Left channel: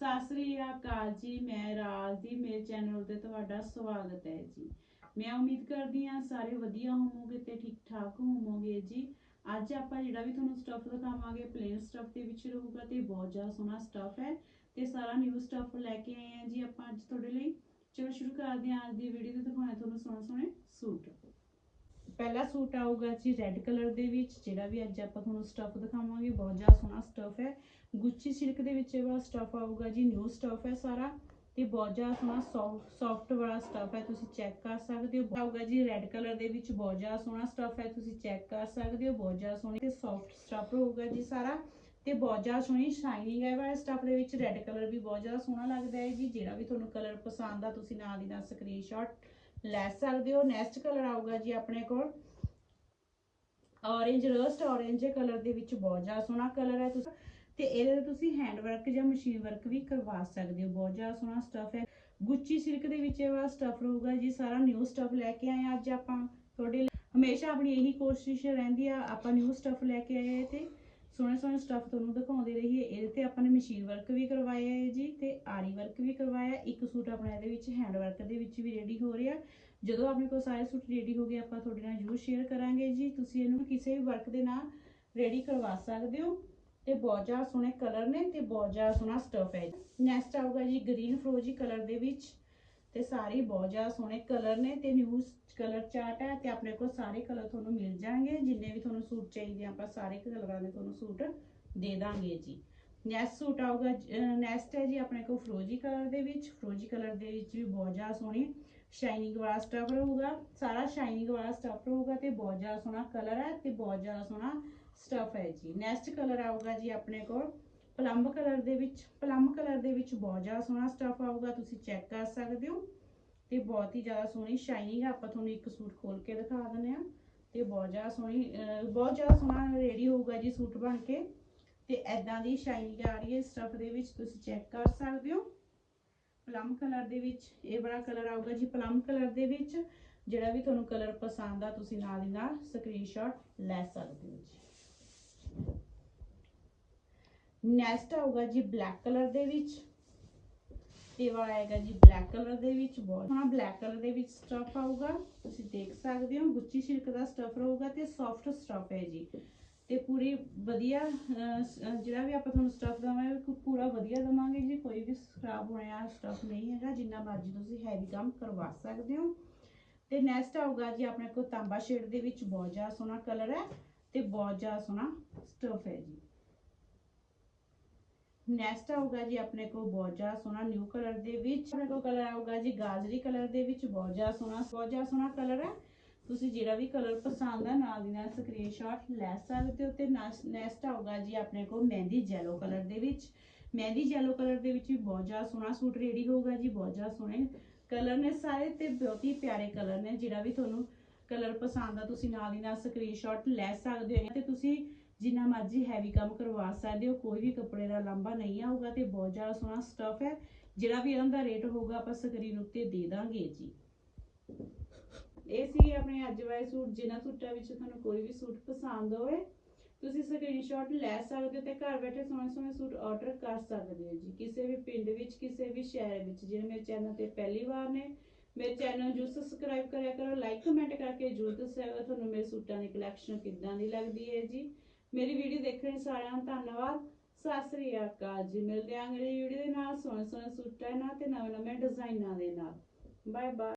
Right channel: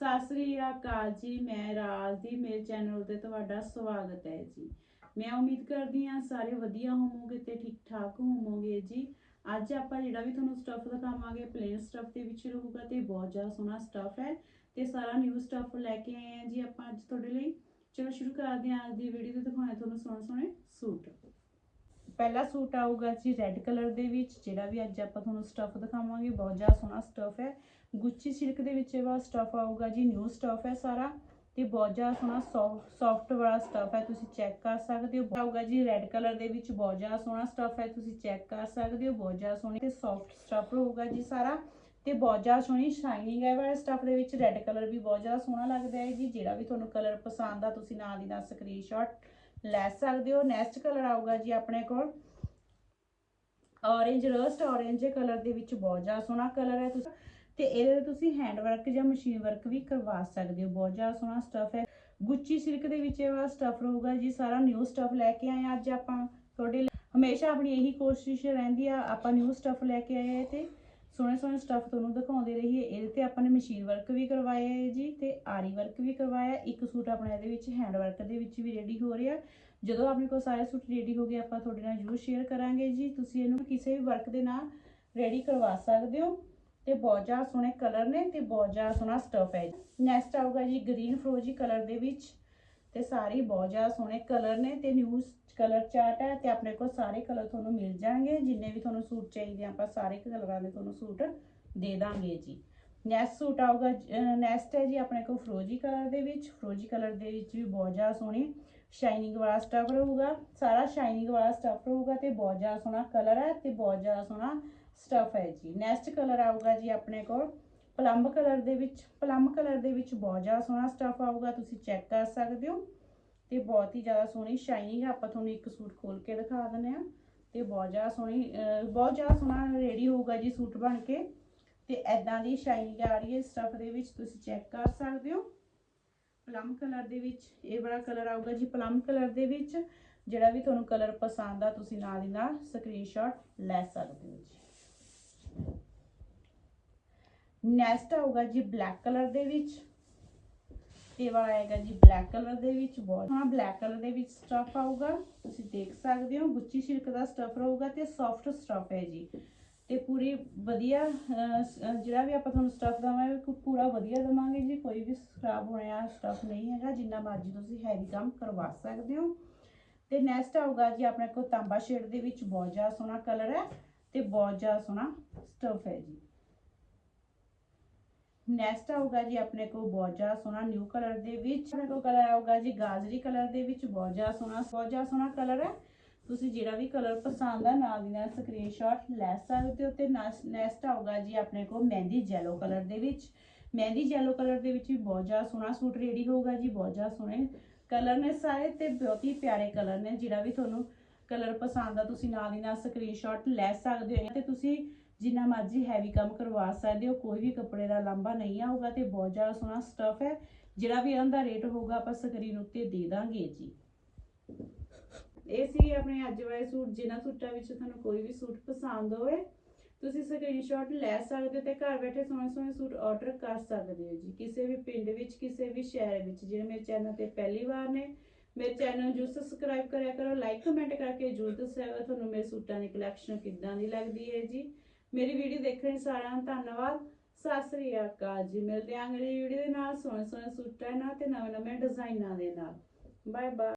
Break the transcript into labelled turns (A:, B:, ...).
A: ਸਤਿ ਸ੍ਰੀ ਅਕਾਲ ਜੀ, ਮੈਂ ਰਾਜ ਦੀ, ਮੇਰੇ ਚੈਨਲ ਤੇ ਤੁਹਾਡਾ ਸਵਾਗਤ ਹੈ ਜੀ। ਮੈਂ ਉਮੀਦ ਕਰਦੀ ਹਾਂ ਸਾਰੇ ਵਧੀਆ ਹੋਵੋਗੇ ਤੇ ਠੀਕ ਠਾਕ ਹੋਵੋਗੇ ਜੀ। ਅੱਜ ਆਪਾਂ ਜਿਹੜਾ ਵੀ ਤੁਹਾਨੂੰ ਸਟੱਫ ਦਿਖਾਵਾਂਗੇ ਪਲੇਨ ਸਟੱਫ ਦੇ ਵਿੱਚ ਰਹੂਗਾ ਤੇ ਬਹੁਤ ਜ਼ਿਆਦਾ ਸੋਹਣਾ ਸਟੱਫ ਹੈ ਤੇ ਸਾਰਾ ਨਿਊ ਸਟੱਫ ਲੈ ਕੇ ਆਏ ਹਾਂ ਜੀ ਆਪਾਂ ਅੱਜ ਤੁਹਾਡੇ ਲਈ। ਚਲੋ ਸ਼ੁਰੂ ਕਰਦੇ ਹਾਂ, ਅੱਜ ਦੀ ਵੀਡੀਓ ਤੇ ਦਿਖਾਉਣੇ ਤੁਹਾਨੂੰ ਸੋਹਣੇ ਸੋਹਣੇ ਸੂਟ। ਪਹਿਲਾ ਸੂਟ ਆਊਗਾ ਜੀ ਰੈੱਡ ਕਲਰ ਦੇ ਵਿੱਚ, ਜਿਹੜਾ ਵੀ ਅੱਜ ਆਪਾਂ ਤੁਹਾਨੂੰ ਸਟੱਫ ਦਿਖਾਵਾਂਗੇ, ਬਹੁਤ ਜ਼ਿਆਦਾ ਸੋਹਣਾ ਸਟੱਫ ਹੈ। ਗੁੱਚੀ ਸਿਲਕ ਦੇ ਵਿੱਚ ਇਹ ਵਾਲਾ ਸਟੱਫ ਆਊਗਾ ਜੀ ਨਿਊ ਸਟੱਫ ਹੈ ਸਾਰਾ। ਤੇ ਬਹੁਤ ਜ਼ਿਆਦਾ ਸੋਹਣਾ ਸੌਫਟ ਵਾਲਾ ਸਟੱਫ ਹੈ, ਤੁਸੀਂ ਚੈੱਕ ਕਰ ਸਕਦੇ ਹੋ। ਆਊਗਾ ਜੀ ਰੈੱਡ ਕਲਰ ਦੇ ਵਿੱਚ ਬਹੁਤ ਜ਼ਿਆਦਾ ਸੋਹਣਾ ਸਟੱਫ ਹੈ, ਤੁਸੀਂ ਚੈੱਕ ਕਰ ਸਕਦੇ ਹੋ, ਬਹੁਤ ਜ਼ਿਆਦਾ ਸੋਹਣੀ ਤੇ ਸੌਫਟ ਸਟੱਫ ਹੋਊਗਾ ਜੀ ਸਾਰਾ। ਤੇ ਬਹੁਤ ਜ਼ਿਆਦਾ ਸੋਹਣੀ ਸ਼ਾਈਨਿੰਗ ਹੈ ਵਾਲੇ ਸਟੱਫ ਦੇ ਵਿੱਚ ਰੈੱਡ ਕਲਰ ਵੀ ਬਹੁਤ ਜ਼ਿਆਦਾ ਸੋਹਣਾ ਲੱਗਦਾ ਹੈ ਜੀ। ਜਿਹੜਾ ਵੀ ਤੁਹਾਨੂੰ ਕਲਰ ਪਸੰਦ ਆ, ਤੁਸੀਂ ਨਾਲ ਦੀ ਨਾਲ ਸਕਰੀਨਸ਼ਾਟ ਲੈ ਸਕਦੇ ਹੋ। ਨੈਕਸਟ ਕਲਰ ਆਊਗਾ ਜੀ ਆਪਣੇ ਕੋਲ। ਔਰੇਂਜ ਰਸਟ ਔਰੇਂਜ ਕਲਰ ਦੇ ਵਿੱਚ ਬਹੁਤ ਜ਼ਿਆਦਾ ਸੋਹਣਾ ਕਲਰ ਹੈ। ਤੁਸੀਂ ਤੇ ਇਹਦੇ ਤੇ ਤੁਸੀਂ ਹੈਂਡ ਵਰਕ ਜਾਂ ਮਸ਼ੀਨ ਵਰਕ ਵੀ ਕਰਵਾ ਸਕਦੇ ਹੋ। ਬਹੁਤ ਜ਼ਿਆਦਾ ਸੋਹਣਾ ਸਟੱਫ ਹੈ। ਗੁੱਚੀ ਸਿਲਕ ਦੇ ਵਿੱਚ ਇਹ ਵਾਲਾ ਸਟੱਫ ਰਹੂਗਾ ਜੀ, ਸਾਰਾ ਨਿਊ ਸਟੱਫ ਲੈ ਕੇ ਆਏ ਹਾਂ ਅੱਜ ਆਪਾਂ। ਤੁਹਾਡੇ ਹਮੇਸ਼ਾ ਆਪਣੀ ਇਹੀ ਕੋਸ਼ਿਸ਼ ਰਹਿੰਦੀ ਆ, ਆਪਾਂ ਨਿਊ ਸਟੱਫ ਲੈ ਕੇ ਆਏ ਤੇ ਸੋਹਣੇ ਸੋਹਣੇ ਸਟੱਫ ਤੁਹਾਨੂੰ ਦਿਖਾਉਂਦੇ ਰਹੀਏ। ਇਹਦੇ ਤੇ ਆਪਾਂ ਨੇ ਮਸ਼ੀਨ ਵਰਕ ਵੀ ਕਰਵਾਇਆ ਹੈ ਜੀ ਤੇ ਆਰੀ ਵਰਕ ਵੀ ਕਰਵਾਇਆ। ਇੱਕ ਸੂਟ ਆਪਣਾ ਇਹਦੇ ਵਿੱਚ ਹੈਂਡ ਵਰਕ ਦੇ ਵਿੱਚ ਵੀ ਰੈਡੀ ਹੋ ਰਿਹਾ। ਜਦੋਂ ਆਪਣੇ ਕੋਲ ਸਾਰੇ ਸੂਟ ਰੈਡੀ ਹੋ ਗਏ, ਆਪਾਂ ਤੁਹਾਡੇ ਨਾਲ ਜ਼ਰੂਰ ਸ਼ੇਅਰ ਕਰਾਂਗੇ ਜੀ। ਤੁਸੀਂ ਇਹਨੂੰ ਕਿਸੇ ਵੀ ਵਰਕ ਦੇ ਨਾਲ ਰੈਡੀ ਕਰਵਾ ਸਕਦੇ ਹੋ। ਤੇ ਬਹੁਤ ਜ਼ਿਆਦਾ ਸੋਹਣੇ ਕਲਰ ਨੇ ਤੇ ਬਹੁਤ ਜ਼ਿਆਦਾ ਸੋਹਣਾ ਸਟਫ ਹੈ ਨੈਕਸਟ ਆਊਗਾ ਜੀ ਗ੍ਰੀਨ ਫਰੋਜੀ ਕਲਰ ਦੇ ਵਿੱਚ ਤੇ ਸਾਰੇ ਬਹੁਤ ਜ਼ਿਆਦਾ ਸੋਹਣੇ ਕਲਰ ਨੇ ਤੇ ਨਿਊ ਕਲਰ ਚਾਰਟ ਹੈ ਤੇ ਆਪਣੇ ਕੋਲ ਸਾਰੇ ਕਲਰ ਤੁਹਾਨੂੰ ਮਿਲ ਜਾਣਗੇ। ਜਿੰਨੇ ਵੀ ਤੁਹਾਨੂੰ ਸੂਟ ਚਾਹੀਦੇ ਆਪਾਂ ਸਾਰੇ ਕਲਰਾਂ ਦੇ ਤੁਹਾਨੂੰ ਸੂਟ ਦੇ ਦਾਂਗੇ ਜੀ। ਨੈਕਸਟ ਸੂਟ ਆਊਗਾ ਨੈਕਸਟ ਹੈ ਜੀ ਆਪਣੇ ਕੋਲ ਫਰੋਜੀ ਕਲਰ ਦੇ ਵਿੱਚ। ਫਰੋਜੀ ਕਲਰ ਦੇ ਵਿੱਚ ਵੀ ਬਹੁਤ ਜ਼ਿਆਦਾ ਸੋਹਣੀ ਸ਼ਾਈਨਿੰਗ ਵਾਲਾ ਸਟਫ ਰਹੂਗਾ। ਸਾਰਾ ਸ਼ਾਈਨਿੰਗ ਵਾਲਾ ਸਟਫ ਰਹੂਗਾ ਤੇ ਬਹੁਤ ਜ਼ਿਆਦਾ ਸੋਹਣਾ ਕਲਰ ਹੈ ਤੇ ਬਹੁਤ ਜ਼ਿਆਦਾ ਸੋਹਣਾ ਸਟਫ ਹੈ ਜੀ। ਨੈਕਸਟ ਕਲਰ ਆਊਗਾ ਜੀ ਆਪਣੇ ਕੋਲ। ਪਲੰਬ ਕਲਰ ਦੇ ਵਿੱਚ ਪਲੰਬ ਕਲਰ ਦੇ ਵਿੱਚ ਬਹੁਤ ਜ਼ਿਆਦਾ ਸੋਹਣਾ ਸਟਫ ਆਊਗਾ, ਤੁਸੀਂ ਚੈੱਕ ਕਰ ਸਕਦੇ ਹੋ। ਤੇ ਬਹੁਤ ਹੀ ਜ਼ਿਆਦਾ ਸੋਹਣੀ ਸ਼ਾਈਨਿੰਗ ਹੈ। ਆਪਾਂ ਤੁਹਾਨੂੰ ਇੱਕ ਸੂਟ ਖੋਲ ਕੇ ਦਿਖਾ ਦਿੰਦੇ ਆ ਤੇ ਬਹੁਤ ਜ਼ਿਆਦਾ ਸੋਹਣੀ ਬਹੁਤ ਜ਼ਿਆਦਾ ਸੋਹਣਾ ਰੈਡੀ ਹੋਊਗਾ ਜੀ ਸੂਟ ਬਣ ਕੇ। ਤੇ ਐਦਾਂ ਦੀ ਸ਼ਾਈਨਿੰਗ ਆ ਰਹੀ ਹੈ ਸਟਫ ਦੇ ਵਿੱਚ, ਤੁਸੀਂ ਚੈੱਕ ਕਰ ਸਕਦੇ ਹੋ। ਪਲਮ ਕਲਰ ਦੇ ਵਿੱਚ, ਇਹ ਬੜਾ ਕਲਰ ਆਊਗਾ ਜੀ ਪਲਮ ਕਲਰ ਦੇ ਵਿੱਚ। ਜਿਹੜਾ ਵੀ ਤੁਹਾਨੂੰ ਕਲਰ ਪਸੰਦ ਆ, ਤੁਸੀਂ ਨਾਲ ਦੀ ਨਾਲ ਸਕਰੀਨਸ਼ਾਟ ਲੈ ਸਕਦੇ ਹੋ ਜੀ। ਨੈਕਸਟ ਆਊਗਾ ਜੀ ਬਲੈਕ ਕਲਰ ਦੇ ਵਿੱਚ। ਇਹ ਵਾਲਾ ਆਏਗਾ ਜੀ ਬਲੈਕ ਕਲਰ ਦੇ ਵਿੱਚ ਬਹੁਤ। ਸੋਹਣਾ ਬਲੈਕ ਕਲਰ ਦੇ ਵਿੱਚ ਸਟਫ ਆਊਗਾ। ਤੁਸੀਂ ਦੇਖ ਸਕਦੇ ਹੋ, ਗੁੱਚੀ ਸਿਲਕ ਦਾ ਸਟਫ ਰਹੂਗਾ ਤੇ ਸੌਫਟ ਸਟਫ ਹੈ ਜੀ। ਤੇ ਪੂਰੀ ਵਧੀਆ ਜਿਹੜਾ ਵੀ ਆਪਾਂ ਤੁਹਾਨੂੰ ਸਟਫ ਦਵਾਂਗੇ ਪੂਰਾ ਵਧੀਆ ਦਵਾਂਗੇ ਜੀ। ਕੋਈ ਵੀ ਖਰਾਬ ਹੋਣ ਵਾਲਾ ਸਟਫ ਨਹੀਂ ਹੈਗਾ, ਜਿੰਨਾ ਮਰਜ਼ੀ ਤੁਸੀਂ ਹੈਵੀ ਕੰਮ ਕਰਵਾ ਸਕਦੇ ਹੋ। ਤੇ ਨੈਕਸਟ ਆਊਗਾ ਜੀ, ਆਪਣੇ ਕੋਲ ਤਾਂਬਾ ਸ਼ੇਡ ਦੇ ਵਿੱਚ ਬਹੁਤ ਜ਼ਿਆਦਾ ਸੋਹਣਾ ਕਲਰ ਹੈ। ਤੇ ਬਹੁਤ ਜ਼ਿਆਦਾ ਸੋਹਣਾ ਸਟਫ ਹੈ ਜੀ। ਨੈਕਸਟ ਆਊਗਾ ਜੀ ਆਪਣੇ ਕੋਲ ਬਹੁਤ ਜ਼ਿਆਦਾ ਸੋਹਣਾ ਨਿਊ ਕਲਰ ਦੇ ਵਿੱਚ। ਆਪਣੇ ਕੋਲ ਕਲਰ ਆਊਗਾ ਜੀ ਗਾਜਰੀ ਕਲਰ ਦੇ ਵਿੱਚ, ਬਹੁਤ ਜ਼ਿਆਦਾ ਸੋਹਣਾ, ਬਹੁਤ ਜ਼ਿਆਦਾ ਸੋਹਣਾ ਕਲਰ ਹੈ। ਤੁਸੀਂ ਜਿਹੜਾ ਵੀ ਕਲਰ ਪਸੰਦ ਆ, ਨਾਲ ਦੀ ਨਾਲ ਸਕਰੀਨਸ਼ਾਟ ਲੈ ਸਕਦੇ ਹੋ ਤੇ ਨੈਕਸਟ ਆਊਗਾ ਜੀ ਆਪਣੇ ਕੋਲ ਮਹਿੰਦੀ ਜੈਲੋ ਕਲਰ ਦੇ ਵਿੱਚ। ਮਹਿੰਦੀ ਜੈਲੋ ਕਲਰ ਦੇ ਵਿੱਚ ਵੀ ਬਹੁਤ ਜ਼ਿਆਦਾ ਸੋਹਣਾ ਸੂਟ ਰੈਡੀ ਹੋਊਗਾ ਜੀ, ਬਹੁਤ ਜ਼ਿਆਦਾ ਸੋਹਣੇ ਕਲਰ ਨੇ ਸਾਰੇ ਤੇ ਬਹੁਤ ਹੀ ਪਿਆਰੇ ਕਲਰ ਨੇ। ਜਿਹੜਾ ਵੀ ਤੁਹਾਨੂੰ ਕਲਰ ਪਸੰਦ ਆ, ਤੁਸੀਂ ਨਾਲ ਦੀ ਨਾਲ ਸਕਰੀਨਸ਼ਾਟ ਲੈ ਸਕਦੇ ਹੋ ਤੇ ਤੁਸੀਂ ਜਿੰਨਾ ਮਰਜ਼ੀ ਹੈਵੀ ਕੰਮ ਕਰਵਾ ਸਕਦੇ ਹੋ, ਕੋਈ ਵੀ ਕੱਪੜੇ ਦਾ ਲੰਬਾ ਨਹੀਂ ਆਊਗਾ ਤੇ ਬਹੁਤ ਜ਼ਿਆਦਾ ਸੋਹਣਾ ਸਟਫ ਹੈ, ਜਿਹੜਾ ਵੀ ਇਹਨਾਂ ਦਾ ਰੇਟ ਹੋਊਗਾ ਆਪਾਂ ਸਕਰੀਨ ਉੱਤੇ ਦੇ ਦਾਂਗੇ ਜੀ। ਇਹ ਸੀ ਆਪਣੇ ਅੱਜ ਵਾਲੇ ਸੂਟ, ਜਿਨ੍ਹਾਂ ਸੂਟਾਂ ਵਿੱਚ ਤੁਹਾਨੂੰ ਕੋਈ ਵੀ ਸੂਟ ਪਸੰਦ ਹੋਵੇ, ਤੁਸੀਂ ਸਕਰੀਨਸ਼ਾਟ ਲੈ ਸਕਦੇ ਤੇ ਘਰ ਬੈਠੇ ਸੋਹਣੇ ਸੋਹਣੇ ਸੂਟ ਆਰਡਰ ਕਰ ਸਕਦੇ ਹੋ ਜੀ, ਕਿਸੇ ਵੀ ਪਿੰਡ ਵਿੱਚ, ਕਿਸੇ ਵੀ ਸ਼ਹਿਰ ਵਿੱਚ ਜਿਹੜੇ ਮੇਰੇ ਚੈਨਲ ਤੇ ਪਹਿਲੀ ਵਾਰ ਨੇ ਮੇਰੇ ਚੈਨਲ ਨੂੰ ਜਰੂਰ ਸਬਸਕ੍ਰਾਈਬ ਕਰਿਆ ਕਰੋ ਲਾਈਕ ਕਮੈਂਟ ਕਰਕੇ ਜਰੂਰ ਦੱਸਿਆ ਕਰੋ, ਤੁਹਾਨੂੰ ਮੇਰੇ ਸੂਟਾਂ ਦੀ ਕਲੈਕਸ਼ਨ ਕਿੱਦਾਂ ਦੀ ਲੱਗਦੀ ਹੈ ਜੀ। ਮੇਰੀ ਵੀਡੀਓ ਦੇਖਣ ਲਈ ਸਾਰਿਆਂ ਨੂੰ ਧੰਨਵਾਦ। ਸਤਿ ਸ੍ਰੀ ਅਕਾਲ ਜੀ। ਮਿਲਦੇ ਆਂ ਅਗਲੀ ਵੀਡੀਓ ਦੇ ਨਾਲ ਸੋਹਣੇ ਸੋਹਣੇ ਸੂਟਾਂ ਨਾਲ ਤੇ ਨਵੇਂ ਨਵੇਂ ਡਿਜ਼ਾਈਨਾਂ ਦੇ ਨਾਲ। Bye bye